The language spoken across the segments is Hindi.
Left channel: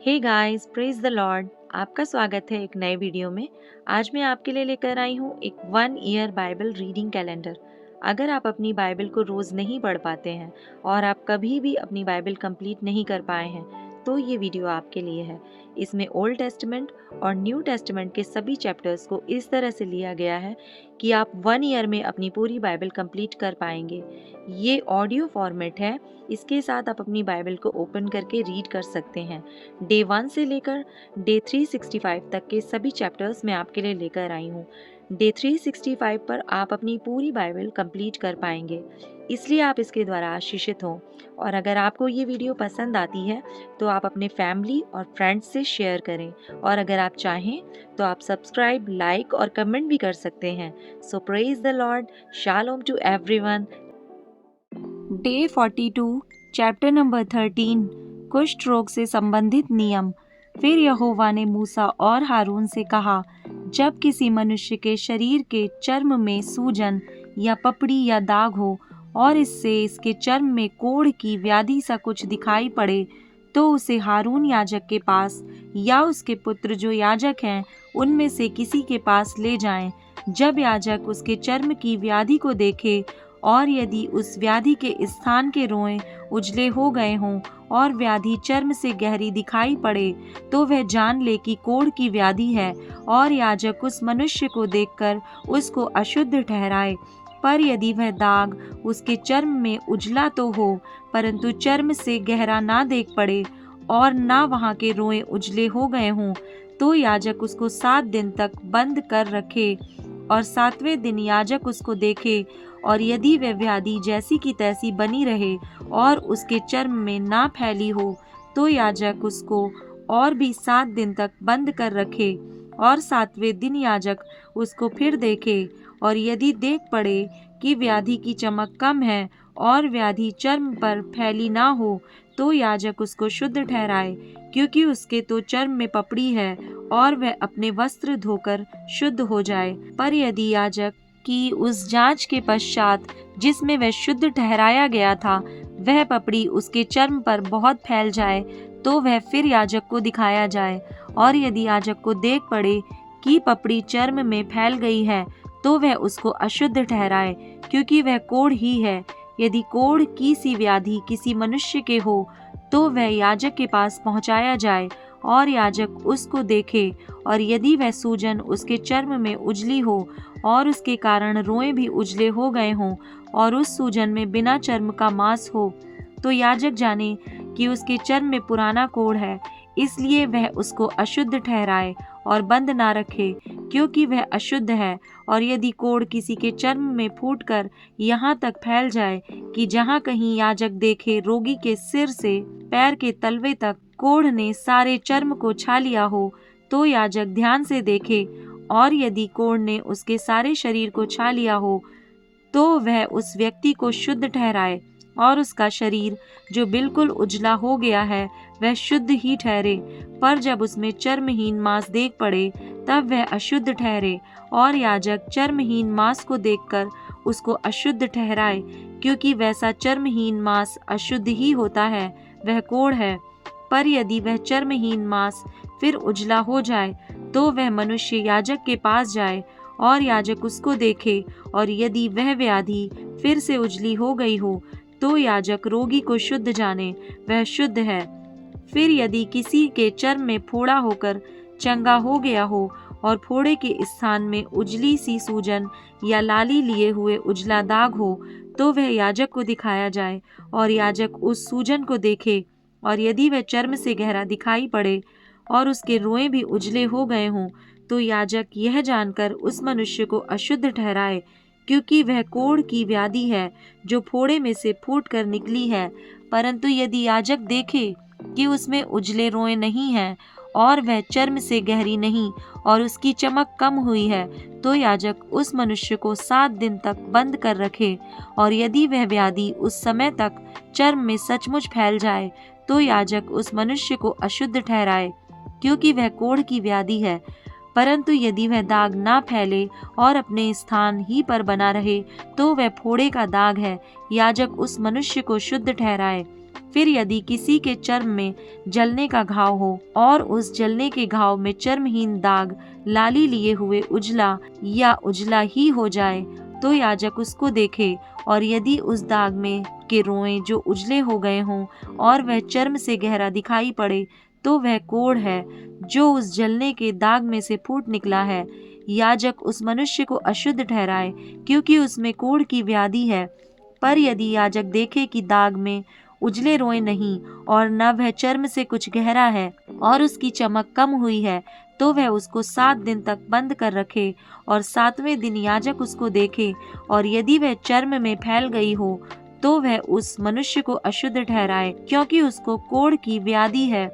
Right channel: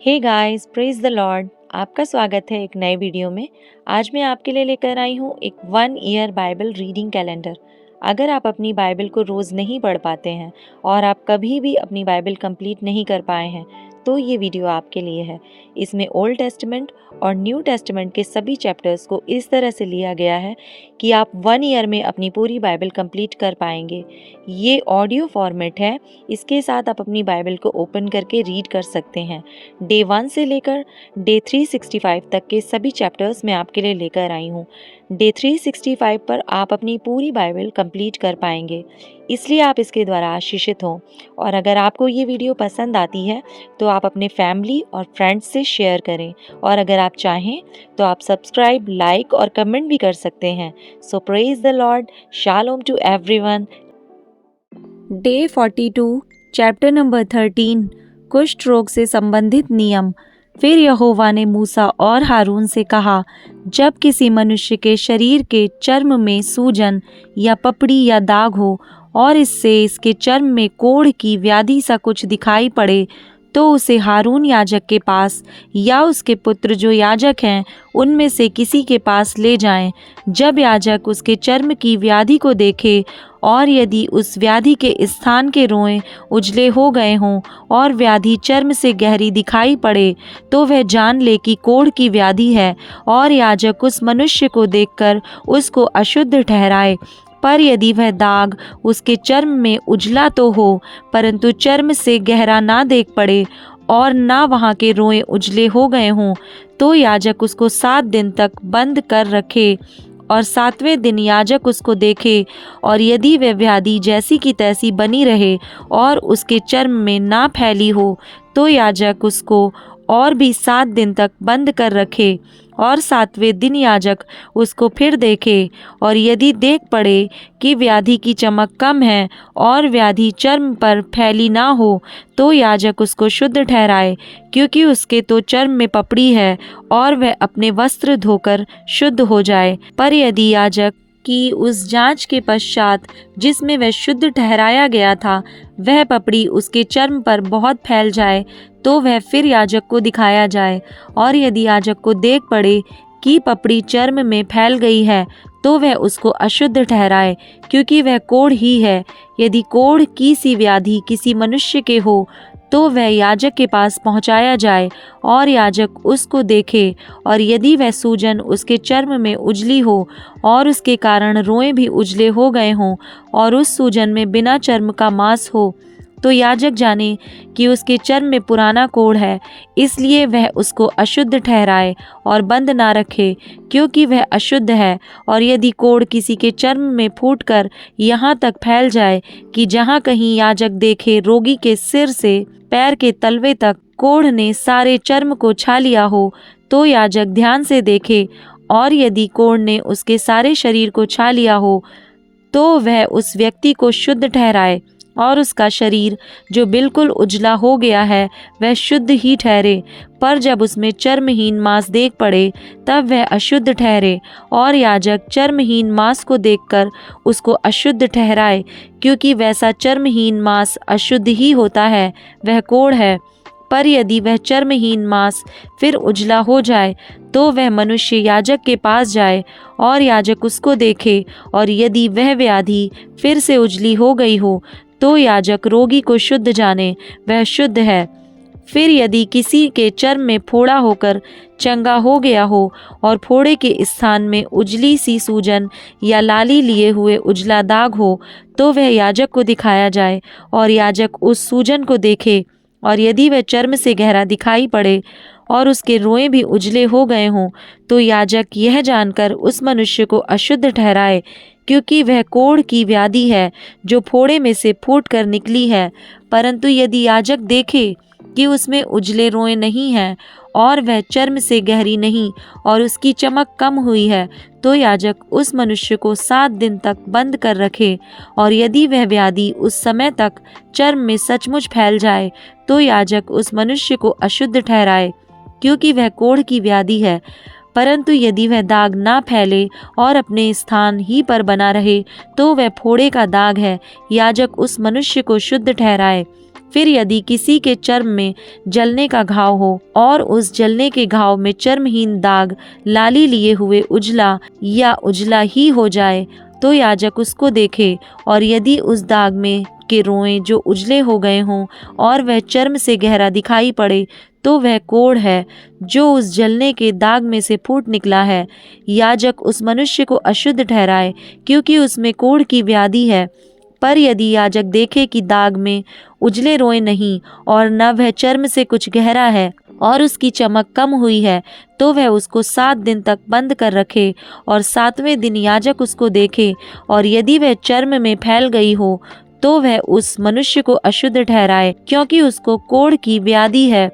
Hey guys, praise the Lord. आपका स्वागत है एक नए वीडियो में। आज मैं आपके लिए लेकर आई हूँ एक 1 ईयर बाइबल रीडिंग कैलेंडर। अगर आप अपनी बाइबल को रोज़ नहीं पढ़ पाते हैं और आप कभी भी अपनी बाइबल कंप्लीट नहीं कर पाए हैं तो ये वीडियो आपके लिए है। इसमें ओल्ड टेस्टमेंट और न्यू टेस्टमेंट के सभी चैप्टर्स को इस तरह से लिया गया है कि आप 1 ईयर में अपनी पूरी बाइबल कंप्लीट कर पाएंगे। ये ऑडियो फॉर्मेट है। इसके साथ आप अपनी बाइबल को ओपन करके रीड कर सकते हैं। डे 1 से लेकर डे 365 तक के सभी चैप्टर्स मैं आपके लिए लेकर आई हूँ। डे 365 पर आप अपनी पूरी बाइबल कंप्लीट कर पाएंगे, इसलिए आप इसके द्वारा आशीषित हों। और अगर आपको ये वीडियो पसंद आती है तो आप अपने फैमिली और फ्रेंड्स से शेयर करें, और अगर आप चाहें तो आप सब्सक्राइब, लाइक और कमेंट भी कर सकते हैं। So praise the Lord. शालोम to everyone. Day 42, chapter number 13, कुष्ठ रोग से संबंधित नियम। फिर यहोवा ने मूसा और हारून से कहा, जब किसी मनुष्य के शरीर के चर्म में सूजन या पपड़ी या दाग हो और इससे इसके चर्म में कोढ़ की व्याधि सा कुछ दिखाई पड़े, तो उसे हारून याजक के पास या उसके पुत्र जो याजक हैं उनमें से किसी के पास ले जाएं। जब याजक उसके चर्म की व्याधि को देखे और यदि उस व्याधि के स्थान के रोएं उजले हो गए हों और व्याधि चर्म से गहरी दिखाई पड़े, तो वह जान ले कि कोढ़ की व्याधि है, और याजक उस मनुष्य को देखकर उसको अशुद्ध ठहराए। पर यदि वह दाग उसके चर्म में उजला तो हो, परंतु चर्म से गहरा ना देख पड़े और ना वहाँ के रोएं उजले हो गए हों, तो याजक उसको 7 दिन तक बंद कर रखे और 7वें दिन याजक उसको देखे, और यदि वह व्याधि जैसी की तैसी बनी रहे और उसके चर्म में ना फैली हो, तो याजक उसको और भी 7 दिन तक बंद कर रखे, और 7वें दिन याजक उसको फिर देखे, और यदि देख पड़े कि व्याधि की चमक कम है और व्याधि चर्म पर फैली ना हो, तो याजक उसको शुद्ध ठहराए, क्योंकि उसके तो चर्म में पपड़ी है, और वह अपने वस्त्र धोकर शुद्ध हो जाए। पर यदि याजक की उस जांच के पश्चात जिसमें वह शुद्ध ठहराया गया था वह पपड़ी उसके चर्म पर बहुत फैल जाए, तो वह फिर याजक को दिखाया जाए। और यदि याजक को देख पड़े कि पपड़ी चर्म में फैल गई है, तो वह उसको अशुद्ध ठहराए, क्योंकि वह कोढ़ ही है। यदि कोढ़ की सी व्याधि किसी मनुष्य के हो, तो वह याजक के पास पहुंचाया जाए और याजक उसको देखे, और यदि वह सूजन उसके चर्म में उजली हो और उसके कारण रोएं भी उजले हो गए हों और उस सूजन में बिना चर्म का मांस हो, तो याजक जाने कि उसके चर्म में पुराना कोढ़ है, इसलिए वह उसको अशुद्ध ठहराए और बंद ना रखे, क्योंकि वह अशुद्ध है। और यदि कोढ़ किसी के चर्म में फूटकर यहाँ तक फैल जाए कि जहाँ कहीं याजक देखे रोगी के सिर से पैर के तलवे तक कोढ़ ने सारे चर्म को छा लिया हो, तो याजक ध्यान से देखे, और यदि कोढ़ ने उसके सारे शरीर को छा लिया हो, तो वह उस व्यक्ति को शुद्ध ठहराए, और उसका शरीर जो बिल्कुल उजला हो गया है वह शुद्ध ही ठहरे। पर जब उसमें चर्महीन मांस देख पड़े, तब वह अशुद्ध ठहरे, और याजक चर्महीन मांस को देखकर उसको अशुद्ध ठहराए, क्योंकि वैसा चर्महीन मांस अशुद्ध ही होता है, वह कोढ़ है। पर यदि वह चर्महीन मांस फिर उजला हो जाए, तो वह मनुष्य याजक के पास जाए और याजक उसको देखे, और यदि वह व्याधि फिर से उजली हो गई हो, तो याजक रोगी को शुद्ध जाने, वह शुद्ध है। फिर यदि किसी के चर्म में फोड़ा होकर चंगा हो गया हो और फोड़े के स्थान में उजली सी सूजन या लाली लिए हुए उजला दाग हो, तो वह याजक को दिखाया जाए, और याजक उस सूजन को देखे, और यदि वह चर्म से गहरा दिखाई पड़े और उसके रोएं भी उजले हो गए हों, तो याजक यह जानकर उस मनुष्य को अशुद्ध ठहराए, क्योंकि वह कोढ़ की व्याधि है जो फोड़े में से फूट कर निकली है। परंतु यदि याजक देखे कि उसमें उजले रोएं नहीं हैं और वह चर्म से गहरी नहीं और उसकी चमक कम हुई है, तो याजक उस मनुष्य को 7 दिन तक बंद कर रखे। और यदि वह व्याधि उस समय तक चर्म में सचमुच फैल जाए, तो याजक उस मनुष्य को अशुद्ध ठहराए, क्योंकि वह कोढ़ की व्याधि है। परंतु यदि वह दाग ना फैले और अपने स्थान ही पर बना रहे, तो वह फोड़े का दाग है, याजक उस मनुष्य को शुद्ध ठहराए। फिर यदि किसी के चर्म में जलने का घाव हो और उस जलने के घाव में चर्महीन दाग लाली लिए हुए उजला या उजला ही हो जाए, तो याजक उसको देखे, और यदि उस दाग में के रोएं जो उजले हो गए हों और वह चर्म से गहरा दिखाई पड़े, तो वह कोढ़ है जो उस जलने के दाग में से फूट निकला है। याजक उस मनुष्य को अशुद्ध ठहराए, क्योंकि उसमें कोढ़ की व्याधि है। पर यदि याजक देखे कि दाग में उजले रोएं नहीं और न वह चर्म से कुछ गहरा है और उसकी चमक कम हुई है, तो वह उसको 7 दिन तक बंद कर रखे, और 7वें दिन याजक उसको देखे, और यदि वह चर्म में फैल गई हो, तो वह उस मनुष्य को अशुद्ध ठहराए, क्योंकि उसको कोढ़ की व्याधि है।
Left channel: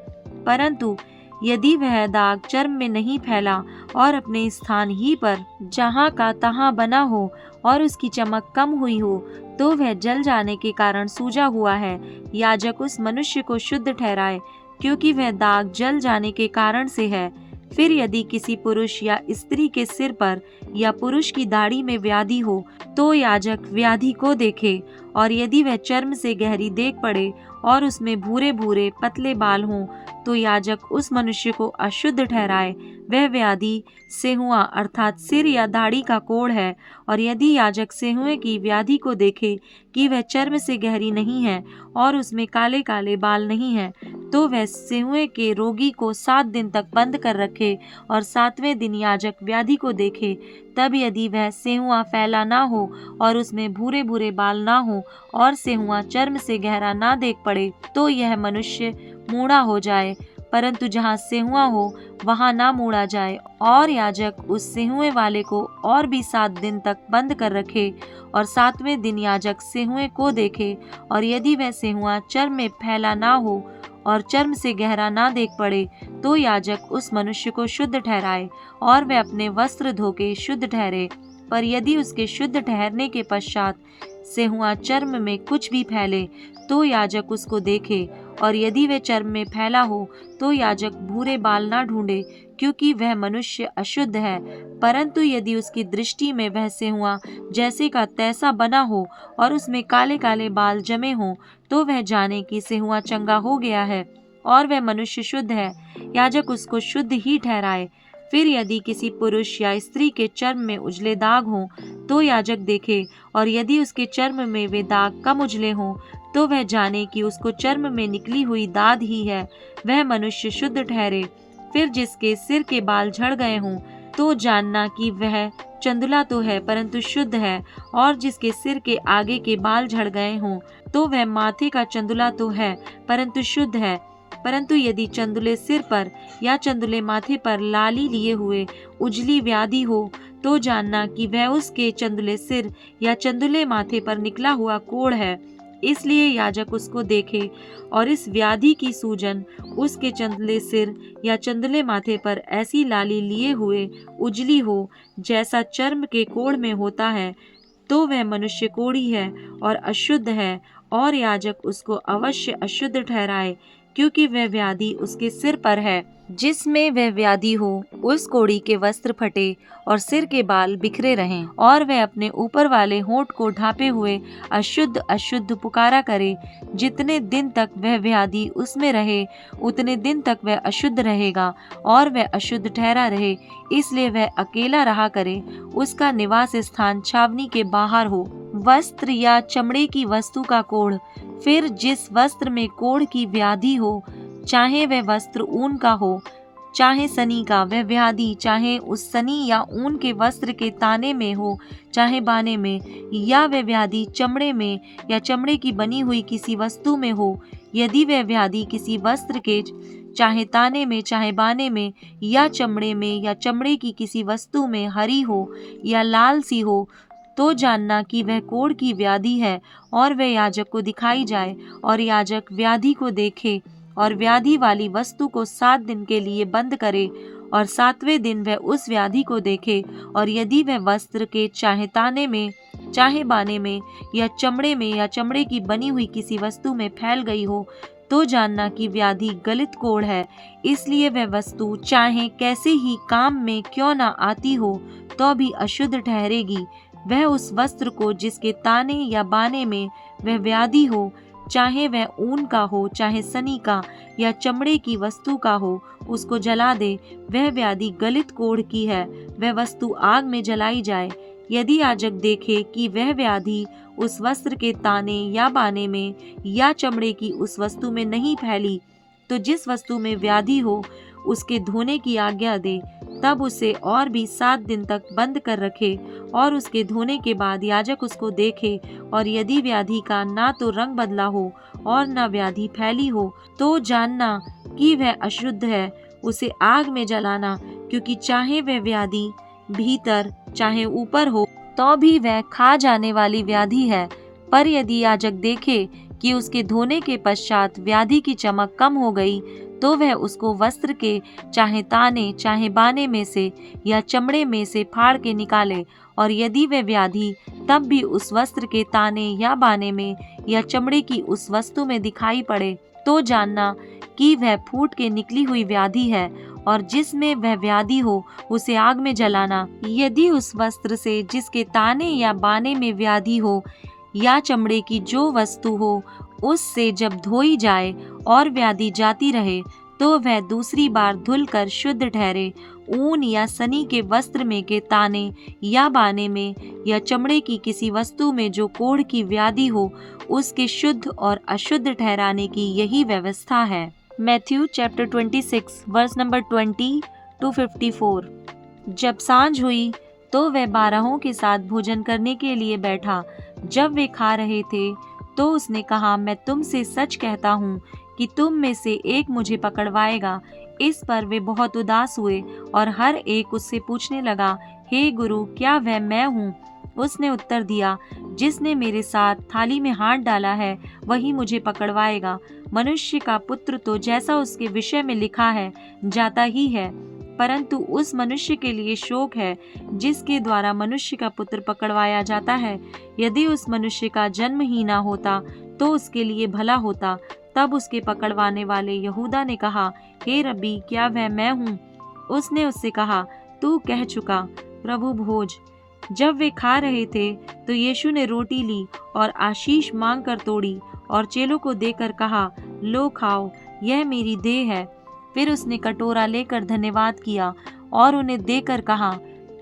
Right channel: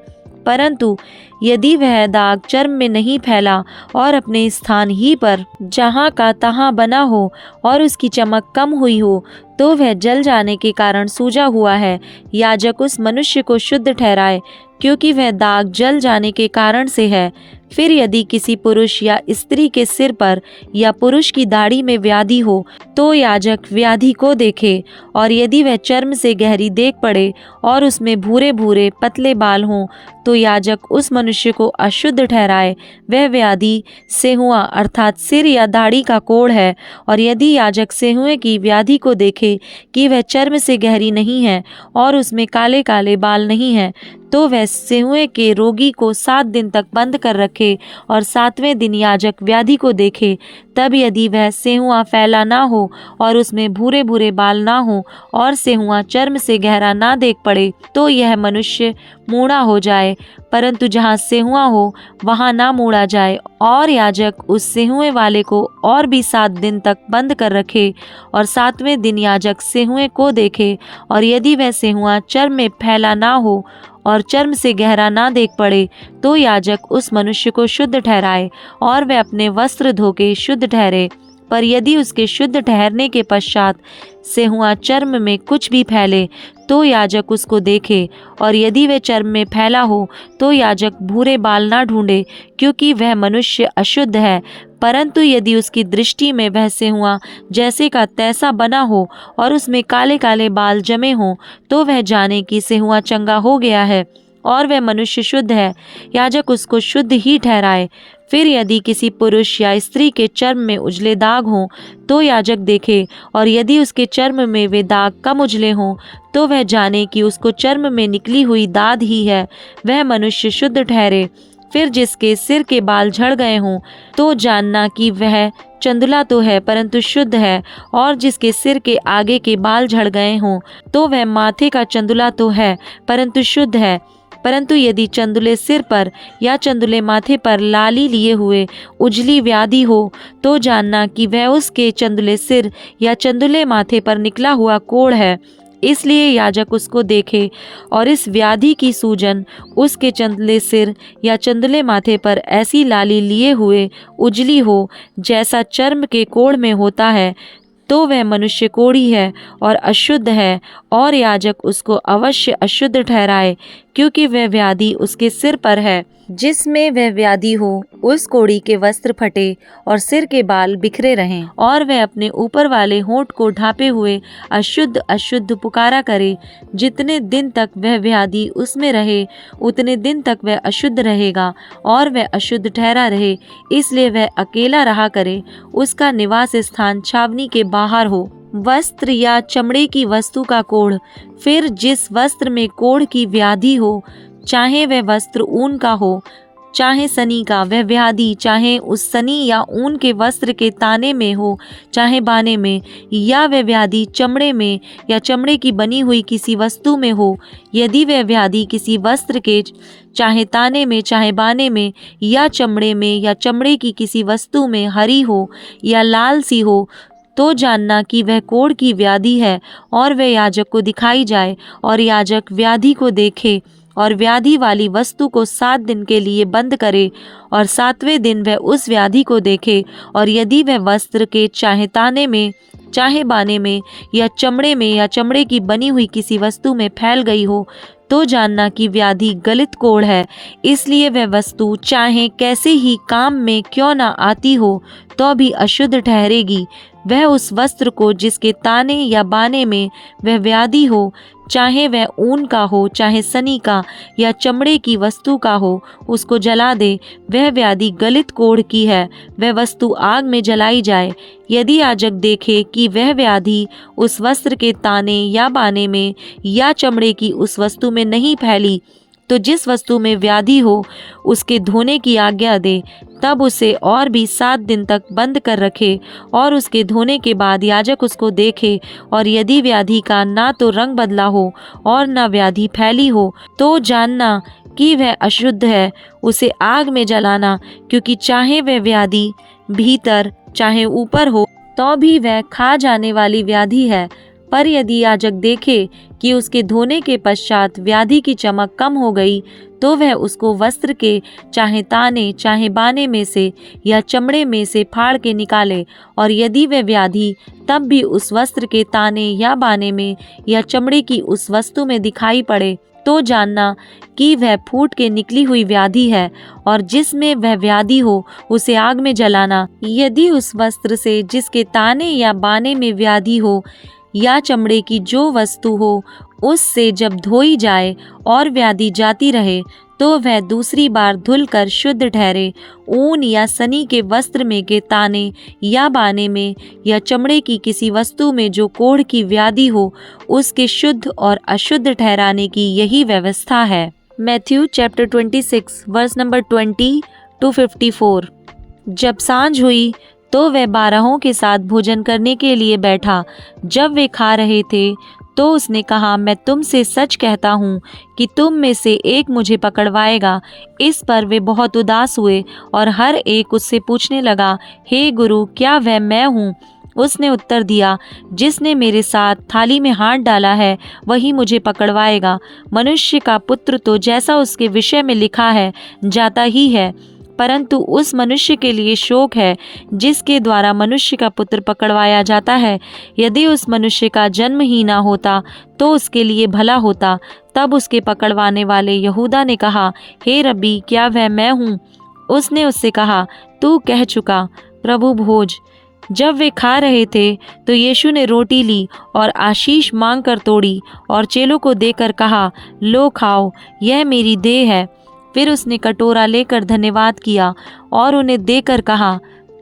परंतु यदि वह दाग चर्म में नहीं फैला और अपने स्थान ही पर जहाँ का तहाँ बना हो और उसकी चमक कम हुई हो, तो वह जल जाने के कारण सूजा हुआ है। याजक उस मनुष्य को शुद्ध ठहराए, क्योंकि वह दाग जल जाने के कारण से है। फिर यदि किसी पुरुष या स्त्री के सिर पर या पुरुष की दाढ़ी में व्याधि हो, तो याजक व्याधि को देखे, और यदि वह चर्म से गहरी देख पड़े और उसमें भूरे भूरे पतले बाल हों, तो याजक उस मनुष्य को अशुद्ध ठहराए। वह व्याधि सेहुआ अर्थात सिर या दाढ़ी का कोढ़ है। और यदि याजक सेहुए की व्याधि को देखे कि वह चर्म से गहरी नहीं है और उसमें काले काले बाल नहीं हैं, तो वह सेहुए के रोगी को 7 दिन तक बंद कर रखे, और 7वें दिन याजक व्याधि को देखे। तब यदि वह सेहुआ फैला ना हो और उसमें भूरे भूरे बाल ना हो और सेहुआ चर्म से गहरा ना देख पड़े, तो यह मनुष्य मूढ़ा हो जाए। परंतु जहाँ सेहुआ हो वहाँ ना मूढ़ा जाए, और याजक उस सेहुए वाले को और भी 7 दिन तक बंद कर रखे, और 7वें दिन याजक सेहुए को देखे, और यदि वह सेहुआ चर्म में फैला ना हो और चर्म से गहरा ना देख पड़े, तो याजक उस मनुष्य को शुद्ध ठहराए, और वह अपने वस्त्र धोके शुद्ध ठहरे। पर यदि उसके शुद्ध ठहरने के पश्चात सेहुआ चर्म में कुछ भी फैले, तो याजक उसको देखे, और यदि वह चर्म में फैला हो, तो याजक भूरे बाल ना ढूंढे, क्योंकि वह मनुष्य अशुद्ध है। परंतु यदि उसकी दृष्टि में वह सेहुआ जैसे का तैसा बना हो और उसमें काले काले बाल जमे हों, तो वह जाने कि सेहुआ चंगा हो गया है और वह मनुष्य शुद्ध है। याजक उसको शुद्ध ही ठहराए। फिर यदि किसी पुरुष या स्त्री के चर्म में उजले दाग हों, तो याजक देखे, और यदि उसके चर्म में वे दाग कम उजले हों, तो वह जाने कि उसको चर्म में निकली हुई दाद ही है, वह मनुष्य शुद्ध ठहरे। फिर जिसके सिर के बाल झड़ गए हों, तो जानना कि वह चंदुला तो है परंतु शुद्ध है, और जिसके सिर के आगे के बाल झड़ गए हों, तो वह माथे का चंदुला तो है परंतु शुद्ध है। परंतु यदि चंदुले सिर पर या चंदुले माथे पर लाली लिए हुए उजली व्याधि हो, तो जानना कि वह उसके चंदुले सिर या चंदुले माथे पर निकला हुआ कोढ़ है। इसलिए याजक उसको देखे, और इस व्याधि की सूजन उसके चंदुले सिर या चंदुले माथे पर ऐसी लाली लिए हुए उजली हो जैसा चर्म के कोढ़ में होता है, तो वह मनुष्य कोढ़ी है और अशुद्ध है, और याजक उसको अवश्य अशुद्ध ठहराए, क्योंकि वह व्याधि उसके सिर पर है। जिसमें वह व्याधि हो, उस कोढ़ी के वस्त्र फटे और सिर के बाल बिखरे रहें, और वह अपने ऊपर वाले होंठ को ढांपे हुए अशुद्ध अशुद्ध पुकारा करे। जितने दिन तक वह व्याधि उसमें रहे, उतने दिन तक वह अशुद्ध रहेगा, और वह अशुद्ध ठहरा रहे, इसलिए वह अकेला रहा करे। उसका निवास स्थान छावनी के बाहर हो। वस्त्र या चमड़े की वस्तु का कोढ़। फिर जिस वस्त्र में कोढ़ की व्याधि हो, चाहे वह वस्त्र ऊन का हो चाहे सनी का, वह व्याधि चाहे उस सनी या ऊन के वस्त्र के ताने में हो चाहे बाने में, या वह व्याधि चमड़े में या चमड़े की बनी हुई किसी वस्तु में हो, यदि वह व्याधि किसी वस्त्र के चाहे ताने में चाहे बाने में या चमड़े में या चमड़े की किसी वस्तु में हरी हो या लाल सी हो, तो जानना कि वह कोढ़ की व्याधि है, और वह याजक को दिखाई जाए, और याजक व्याधि को देखे और व्याधि वाली वस्तु को 7 दिन के लिए बंद करे, और 7वें दिन वह उस व्याधि को देखे, और यदि वह वस्त्र के चाहे ताने में चाहे बाने में या चमड़े में या चमड़े की बनी हुई किसी वस्तु में फैल गई हो, तो जानना कि व्याधि गलित कोढ़ है। इसलिए वह वस्तु चाहे कैसे ही काम में क्यों न आती हो, तो भी अशुद्ध ठहरेगी। वह उस वस्त्र को जिसके ताने या बाने में वह व्याधि हो चाहे वह ऊन का हो, चाहे सनी का या चमड़े की वस्तु का हो, उसको जला दे। वह व्याधि गलित कोढ़ की है, वह वस्तु आग में जलाई जाए। यदि याजक देखे कि वह व्याधि उस वस्त्र के ताने या बाने में या चमड़े की उस वस्तु में नहीं फैली, तो जिस वस्तु में व्याधि हो उसके धोने की आज्ञा दे। तब उसे और भी 7 दिन तक बंद कर रखे, और उसके धोने के बाद याजक उसको देखे, और यदि व्याधि का ना तो रंग बदला हो और न व्याधि फैली हो, तो जानना कि वह अशुद्ध है, उसे आग में जलाना, क्योंकि चाहे वह व्याधि भीतर चाहे ऊपर हो, तो भी वह खा जाने वाली व्याधि है। पर यदि याजक देखे कि उसके धोने के पश्चात व्याधि की चमक कम हो गई, तो वह उसको वस्त्र के चाहे ताने चाहे बाने में से या चमड़े में से फाड़ के निकाले। और यदि वह व्याधि तब भी उस वस्त्र के ताने या बाने में या चमड़े की उस वस्तु में दिखाई पड़े, तो जानना कि वह फूट के निकली हुई व्याधि है, और जिसमें वह व्याधि हो उसे आग में जलाना। यदि उस वस्त्र से जिसके ताने या बाने में व्याधि हो या चमड़े की जो वस्तु हो, उससे जब धोई जाए और व्याधि जाती रहे, तो वह दूसरी बार धुलकर शुद्ध ठहरे। ऊन या सनी के वस्त्र में के ताने या बाने में या चमड़े की किसी वस्तु में जो कोढ़ की व्याधि हो, उसके शुद्ध और अशुद्ध ठहराने की यही व्यवस्था है। Matthew chapter 26 verse number 20 to 54। जब सांझ हुई तो वह 12 के साथ भोजन करने के लिए बैठा। जब वे खा रहे थे तो उसने कहा, मैं तुमसे सच कहता हूँ कि तुम में से एक मुझे पकड़वाएगा। इस पर वे बहुत उदास हुए और हर एक उससे पूछने लगा, हे गुरु, क्या वह मैं हूँ? उसने उत्तर दिया, जिसने मेरे साथ थाली में हाथ डाला है वही मुझे पकड़वाएगा। मनुष्य का पुत्र तो जैसा उसके विषय में लिखा है जाता ही है, परंतु उस मनुष्य के लिए शोक है जिसके द्वारा मनुष्य का पुत्र पकड़वाया जाता है। यदि उस मनुष्य का जन्म ही ना होता तो उसके लिए भला होता। तब उसके पकड़वाने वाले यहूदा ने कहा, हे रब्बी, क्या वह मैं हूँ? उसने उससे कहा, तू कह चुका, प्रभु भोज। जब वे खा रहे थे तो यीशु ने रोटी ली और आशीष मांगकर तोड़ी और चेलों को देकर कहा, लो खाओ, यह मेरी देह है। फिर उसने कटोरा लेकर धन्यवाद किया और उन्हें देकर कहा,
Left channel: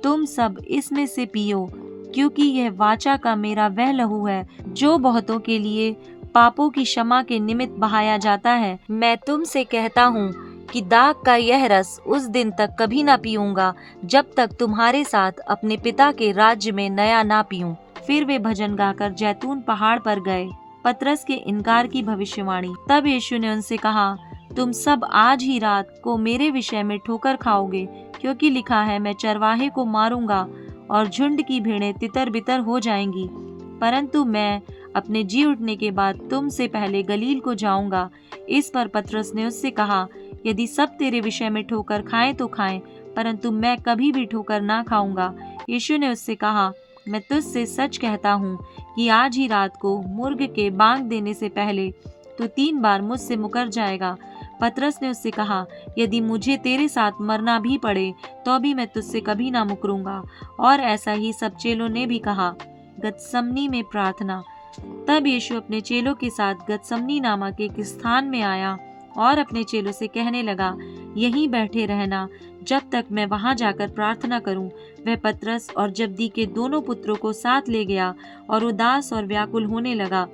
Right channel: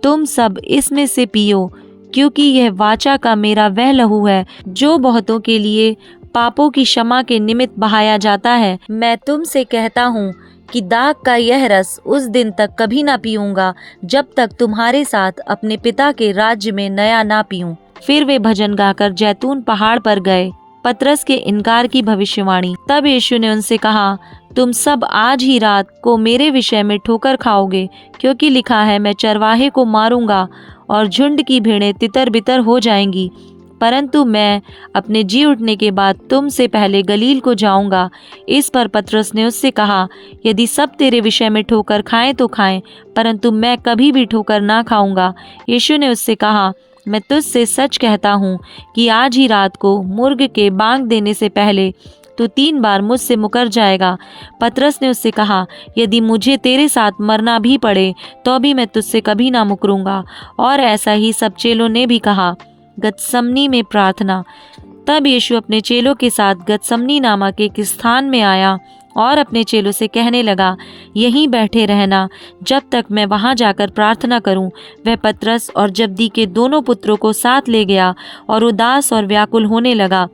तुम सब इसमें से पियो, क्योंकि यह वाचा का मेरा वह लहू है जो बहुतों के लिए पापों की क्षमा के निमित्त बहाया जाता है। मैं तुमसे कहता हूँ कि दाख का यह रस उस दिन तक कभी ना पीऊंगा जब तक तुम्हारे साथ अपने पिता के राज्य में नया ना पीऊं। फिर वे भजन गाकर जैतून पहाड़ पर गए। पतरस के इनकार की भविष्यवाणी। तब यीशु ने उनसे कहा, तुम सब आज ही रात को मेरे विषय में ठोकर खाओगे, क्योंकि लिखा है, मैं चरवाहे को मारूंगा और झुंड की भेड़ें तितर बितर हो जाएंगी। परंतु मैं अपने जी उठने के बाद तुमसे पहले गलील को जाऊंगा। इस पर पतरस ने उससे कहा, यदि सब तेरे विषय में ठोकर खाएं तो खाएं, परंतु मैं कभी भी ठोकर ना खाऊंगा। यीशु ने उससे कहा, मैं तुझसे सच कहता हूँ कि आज ही रात को मुर्ग के बांग देने से पहले तो 3 बार मुझसे मुकर जाएगा। पतरस ने उससे कहा, यदि मुझे तेरे साथ मरना भी पड़े तो भी मैं तुझसे कभी ना मुकरूंगा। और ऐसा ही सब चेलों ने भी कहा। गतसमनी में प्रार्थना। तब यीशु अपने चेलों के साथ गतसमनी नामक एक स्थान में आया और अपने चेलों से कहने लगा, यहीं बैठे रहना जब तक मैं वहां जाकर प्रार्थना करूं। वह पतरस और जब्दी के दोनों पुत्रों को साथ ले गया और उदास और व्याकुल होने लगा।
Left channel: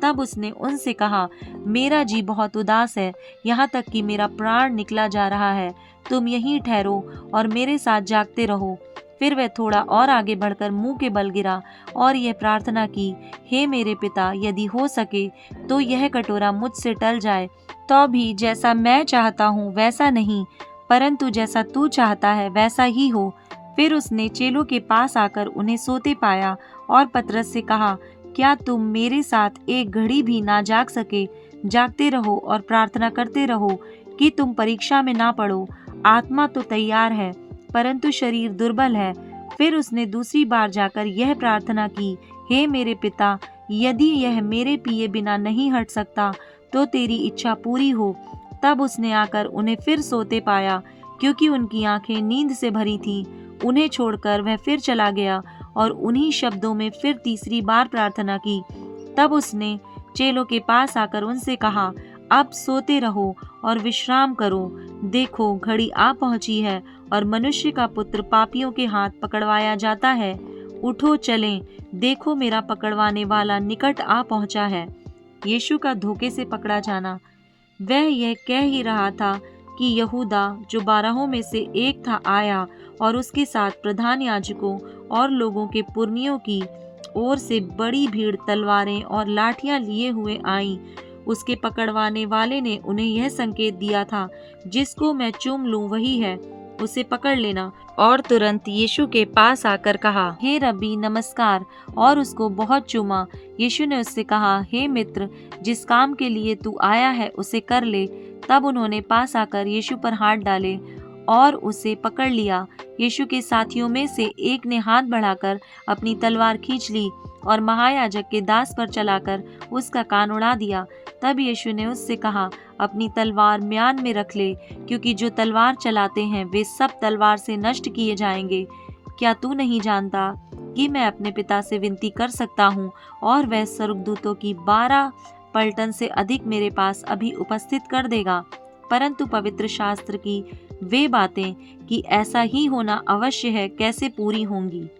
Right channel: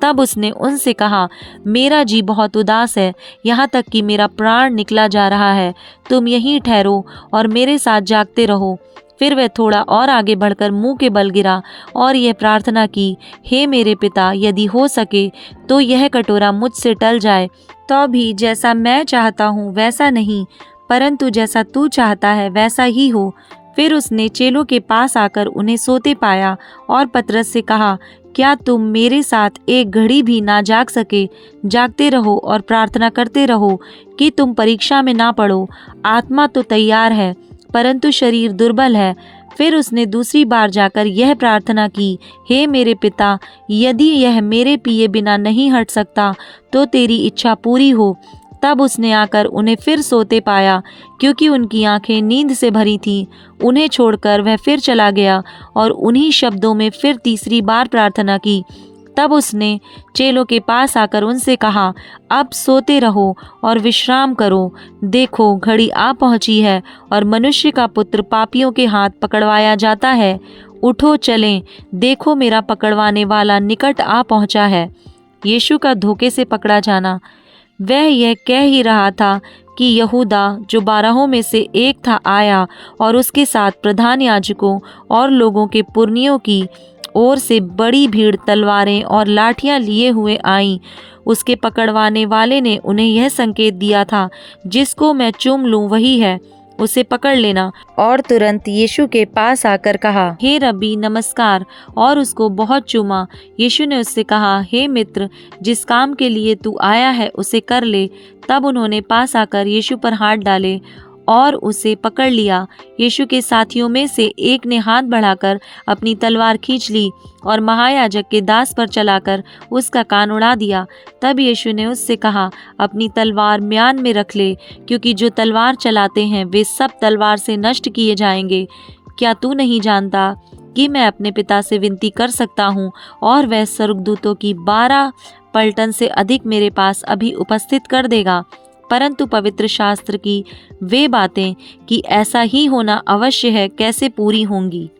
तब उसने उनसे कहा, मेरा जी बहुत उदास है, यहाँ तक कि मेरा प्राण निकला जा रहा है। तुम यहीं ठहरो और मेरे साथ जागते रहो। फिर वह थोड़ा और आगे बढ़कर मुंह के बल गिरा और यह प्रार्थना की, हे मेरे पिता, यदि हो सके तो यह कटोरा मुझसे टल जाए, तो भी जैसा मैं चाहता हूँ वैसा नहीं, परंतु जैसा तू चाहता है वैसा ही हो। फिर उसने चेलों के पास आकर उन्हें सोते पाया और पतरस से कहा, क्या तुम मेरे साथ एक घड़ी भी ना जाग सके? जागते रहो और प्रार्थना करते रहो कि तुम परीक्षा में ना पड़ो। आत्मा तो तैयार है परंतु शरीर दुर्बल है। फिर उसने दूसरी बार जाकर यह प्रार्थना की, हे मेरे पिता, यदि यह मेरे पिए बिना नहीं हट सकता तो तेरी इच्छा पूरी हो। तब उसने आकर उन्हें फिर सोते पाया, क्योंकि उनकी आंखें नींद से भरी थीं। उन्हें छोड़कर वह फिर चला गया और उन्हीं शब्दों में फिर तीसरी बार प्रार्थना की। तब उसने चेलों के पास आकर उनसे कहा, अब सोते रहो और विश्राम करो। देखो, घड़ी आ पहुंची है और मनुष्य का पुत्र पापियों के हाथ पकड़वाया जाता है। उठो चलें, देखो मेरा पकड़वाने वाला निकट आ पहुंचा है। यीशु का धोखे से पकड़ा जाना। वह यह कह ही रहा था कि यहूदा, जो 12 में से एक था, आया और उसके साथ प्रधान याजकों और लोगों के पुरनियों की ओर से बड़ी भीड़ तलवारें और लाठियां लिए हुए आई। उसके पकड़वाने वाले ने उन्हें यह संकेत दिया था, जिसको मैं चूम लूं वही है, उसे पकड़ लेना। और तुरंत यीशु के पास आकर कहा, हे रब्बी, नमस्कार, और उसको बहुत चूमा। यीशु ने उससे कहा, हे मित्र, जिस काम के लिए तू आया है उसे कर ले। तब उन्होंने पास आकर यीशु पर हाथ डाले और उसे पकड़ लिया। यीशु के साथियों में से एक ने हाथ बढ़ाकर अपनी तलवार खींच ली और महायाजक के दास पर चलाकर उसका कान उड़ा दिया। तब यीशु ने उससे कहा, अपनी तलवार म्यान में रख ले, क्योंकि जो तलवार चलाते हैं वे सब तलवार से नष्ट किए जाएंगे। क्या तू नहीं जानता कि मैं अपने पिता से विनती कर सकता हूँ और वह स्वर्गदूतों की 12 पलटन से अधिक मेरे पास अभी उपस्थित कर देगा? परंतु पवित्र शास्त्र की वे बातें कि ऐसा ही होना अवश्य है, कैसे पूरी होंगी?